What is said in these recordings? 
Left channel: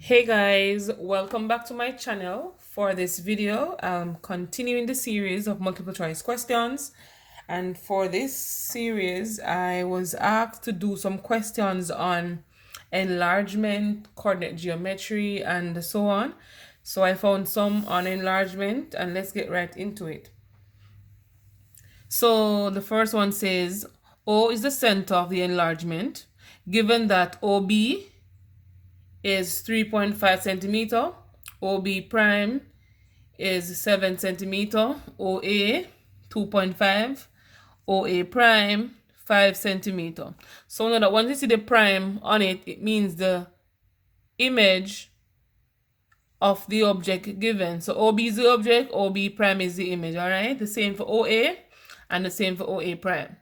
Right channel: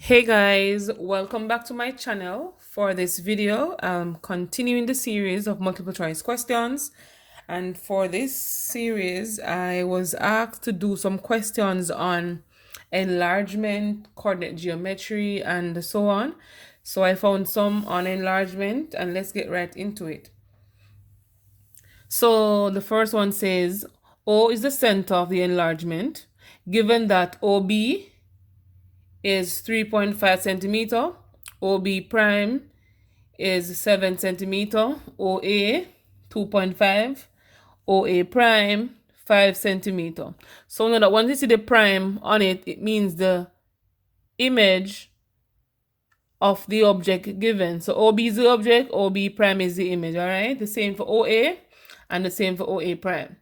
Hey guys, welcome back to my channel. For this video, I'm continuing the series of multiple choice questions. And for this series, I was asked to do some questions on enlargement, coordinate geometry, and so on. So I found some on enlargement, and let's get right into it. So the first one says, O is the center of the enlargement. Given that OB is 3.5 centimeter, OB prime is 7 centimeter, OA 2.5, OA prime 5 centimeter. So now that once you see the prime on it, it means the image of the object given. So OB is the object, OB prime is the image, all right? The same for OA and the same for OA prime.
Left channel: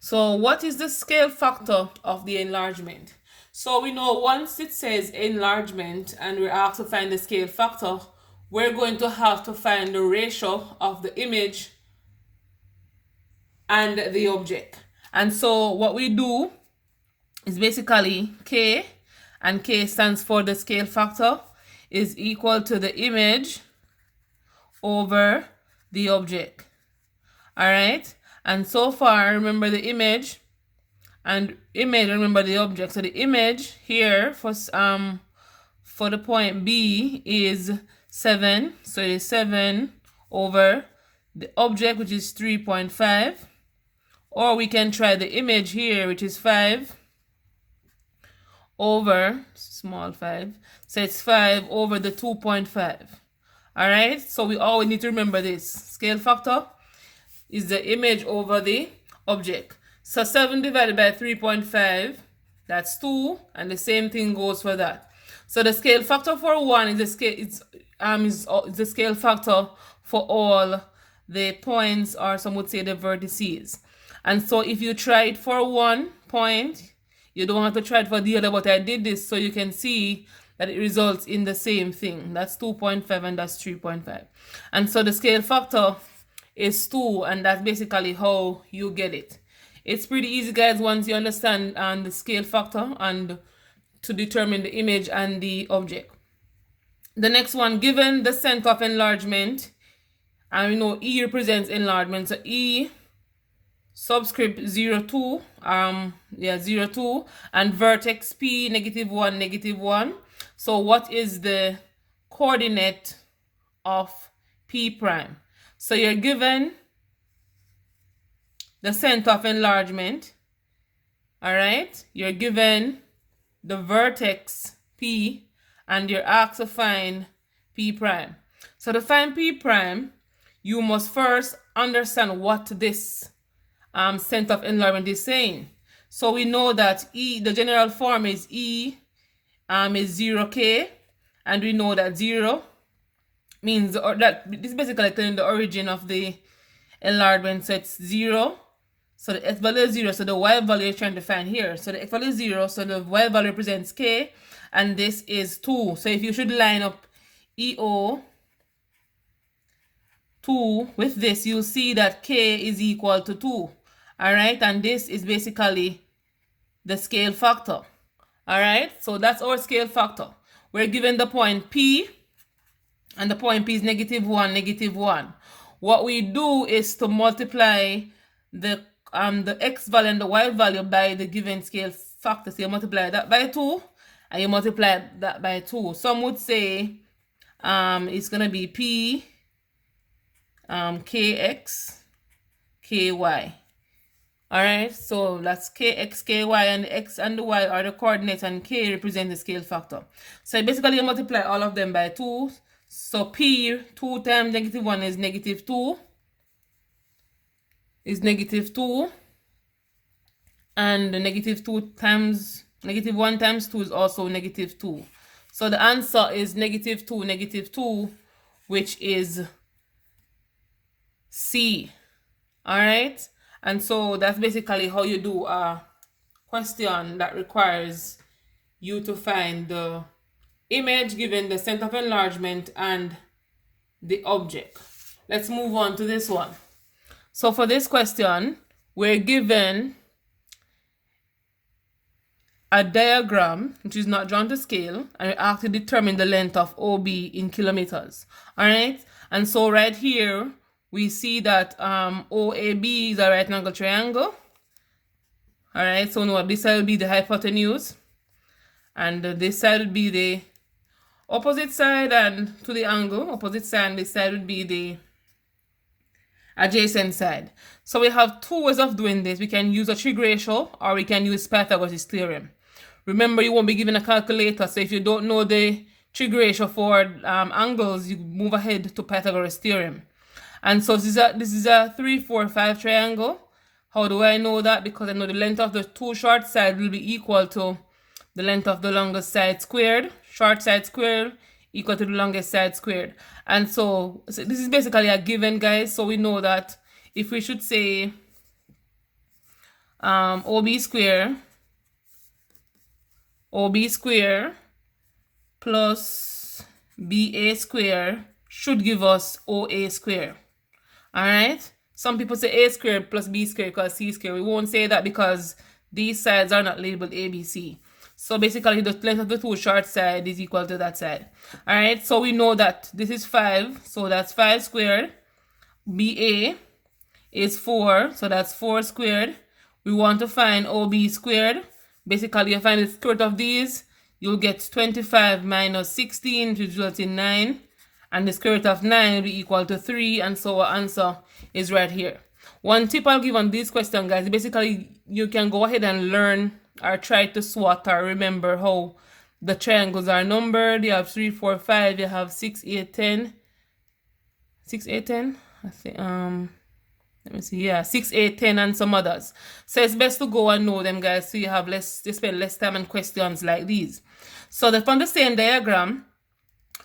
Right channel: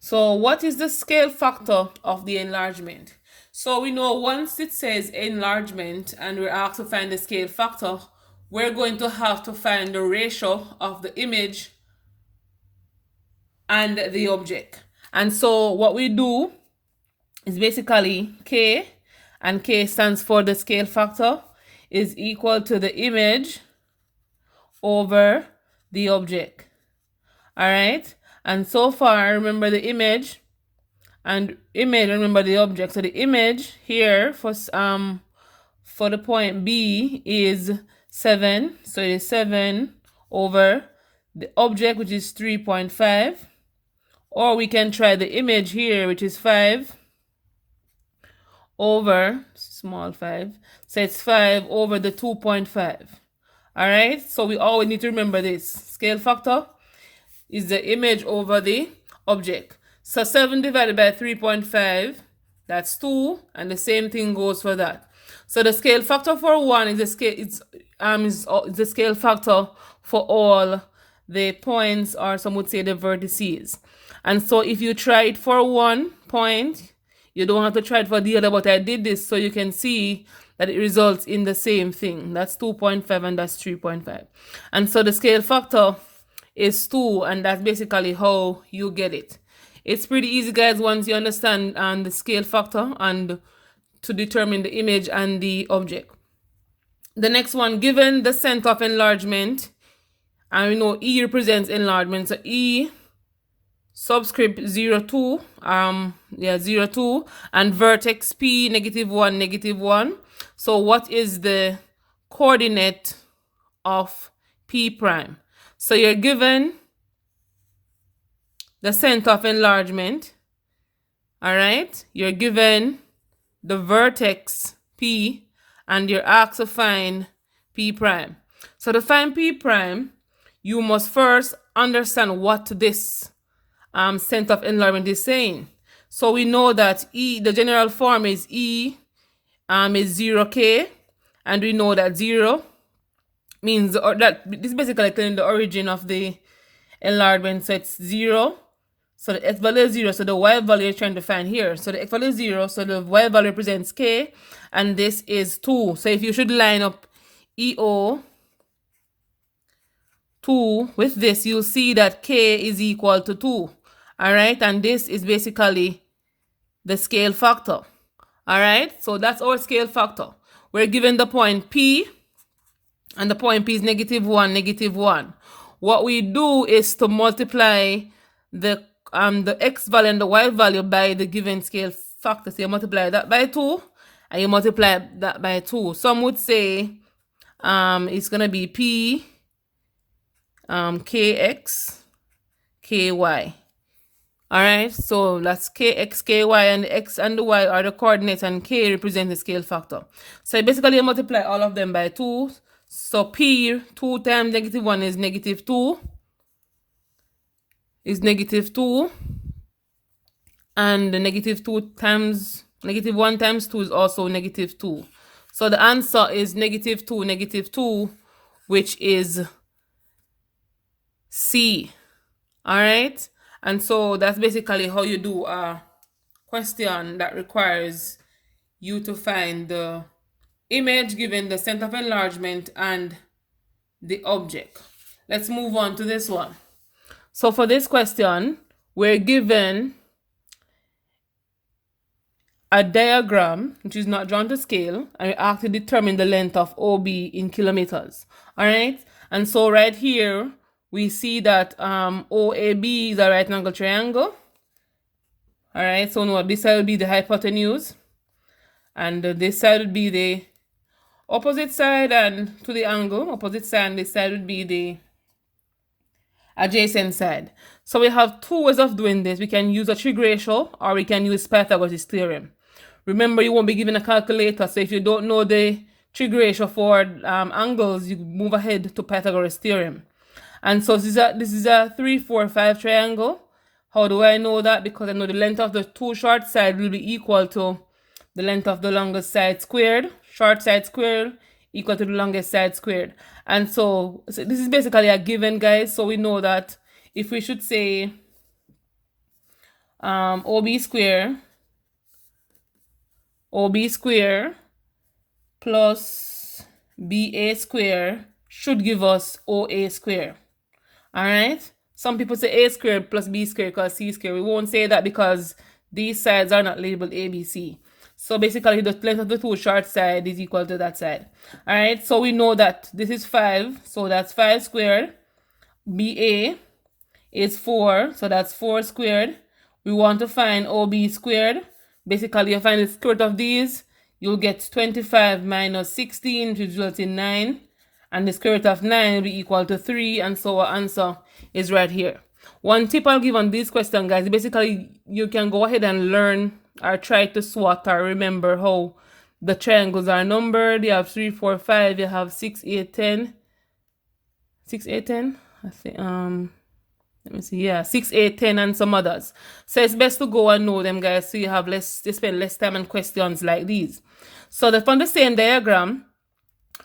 So what is the scale factor of the enlargement? So we know once it says enlargement and we're asked to find the scale factor, we're going to have to find the ratio of the image and the object. And so what we do is basically K, and K stands for the scale factor, is equal to the image over the object. All right? And so far, remember the image and remember the object. So the image here for the point B is 7. So it is 7 over the object, which is 3.5. Or we can try the image here, which is 5 over small 5. So it's 5 over the 2.5. All right? So we always need to remember this. Scale factor is the image over the object. So 7 divided by 3.5, that's 2, and the same thing goes for that. So the scale factor for 1 is the scale factor for all the points, or some would say the vertices. And so if you try it for 1 point, you don't have to try it for the other, but I did this so you can see that it results in the same thing. That's 2.5 and that's 3.5. And so the scale factor is 2, and that's basically how you get it. It's pretty easy, guys, once you understand the scale factor and to determine the image and the object. The next one, given the center of enlargement, and we know E represents enlargement, so E subscript 0, 2, 0, 2, and vertex P, -1, -1. So what is the coordinate of P prime? So you're given the center of enlargement, all right? You're given the vertex P, and you're asked to find P prime. So to find P prime, you must first understand what this center of enlargement is saying. So we know that E, the general form is E is 0K, and we know that 0 means, or that this is basically telling the origin of the enlargement. So it's 0. So the x value is 0. So the y value you're trying to find here. So the x value is 0. So the y value represents k. And this is 2. So if you should line up EO 2 with this, you'll see that k is equal to 2. All right. And this is basically the scale factor. All right. So that's our scale factor. We're given the point P. And the point P is -1, -1. What we do is to multiply the x value and the y value by the given scale factor. So you multiply that by 2, and you multiply that by 2. Some would say it's gonna be P kx ky. All right, so that's kx ky, and the x and the y are the coordinates, and k represent the scale factor. So basically you multiply all of them by 2. So P 2 times -1 is -2. Is -2, and the -2 times -1 times 2 is also -2. So the answer is -2, -2, which is C. All right, and so that's basically how you do a question that requires you to find the image given the center of enlargement and the object. Let's move on to this one. So for this question, we're given a diagram which is not drawn to scale, and we have to determine the length of OB in kilometers. All right, and so right here we see that OAB is a right angle triangle. All right, so no, this side will be the hypotenuse, and this side would be the opposite side, and to the angle opposite side, this side would be the adjacent side. So we have two ways of doing this. We can use a trig ratio, or we can use Pythagoras Theorem. Remember, you won't be given a calculator, so if you don't know the trig ratio for angles, you move ahead to Pythagoras Theorem. And so this is a 3, 4, 5 triangle. How do I know that? Because I know the length of the two short sides will be equal to the length of the longest side squared. Short side squared equal to the longest side squared. And so this is basically a given, guys. So we know that if we should say OB square plus BA square should give us OA square. All right. Some people say A squared plus B squared equals C squared. We won't say that because these sides are not labeled ABC. So basically the length of the two short side is equal to that side. All right. So we know that this is 5. So that's 5 squared. BA is 4. So that's 4 squared. We want to find OB squared. Basically, you find the square root of these. You'll get 25 minus 16, which results in 9. And the square root of 9 will be equal to 3. And so our answer is right here. One tip I'll give on this question, guys, basically you can go ahead and learn or try to SWOT or remember how the triangles are numbered. You have 3, 4, 5. You have 6, 8, 10. 6, 8, 10? I think, let me see. Yeah, 6, 8, 10, and some others. So it's best to go and know them, guys, so you have to spend less time on questions like these. So from the same diagram,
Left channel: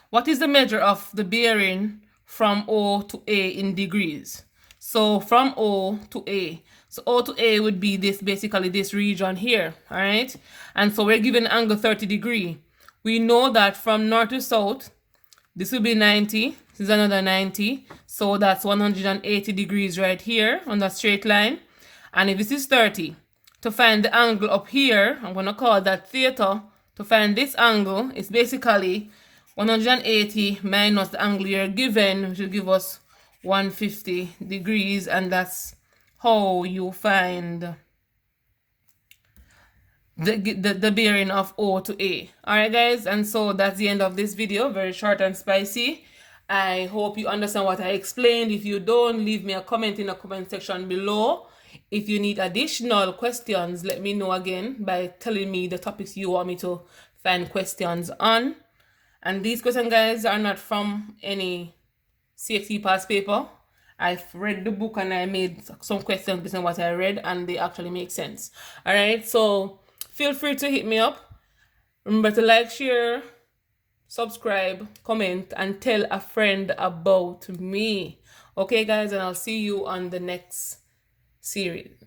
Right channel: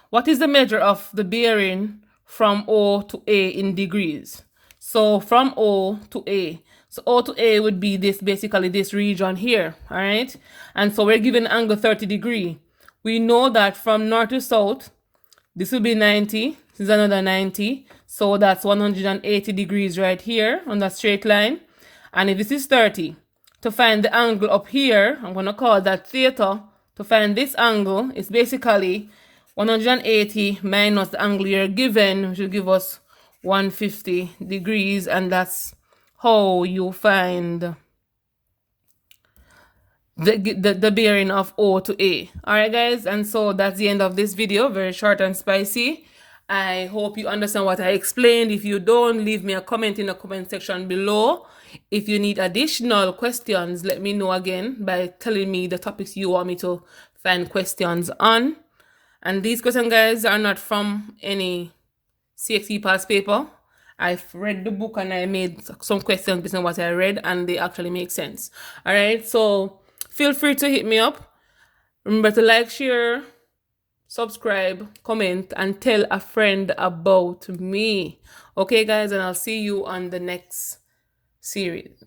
what is the measure of the bearing from O to A in degrees? So from O to A. So O to A would be this, basically this region here, all right? And so we're given angle 30 degrees. We know that from north to south, this will be 90. This is another 90. So that's 180 degrees right here on that straight line. And if this is 30, to find the angle up here, I'm going to call that theta. To find this angle, it's basically 180 minus the angle you're given, which will give us 150 degrees. And that's how you find the bearing of O to A. All right, guys, and so that's the end of this video. Very short and spicy. I hope you understand what I explained. If you don't, leave me a comment in the comment section below. If you need additional questions, let me know again by telling me the topics you want me to find questions on. And these questions, guys, are not from any CXC past paper. I've read the book and I made some questions based on what I read, and they actually make sense. All right, so feel free to hit me up. Remember to like, share, subscribe, comment, and tell a friend about me. Okay, guys, and I'll see you on the next series.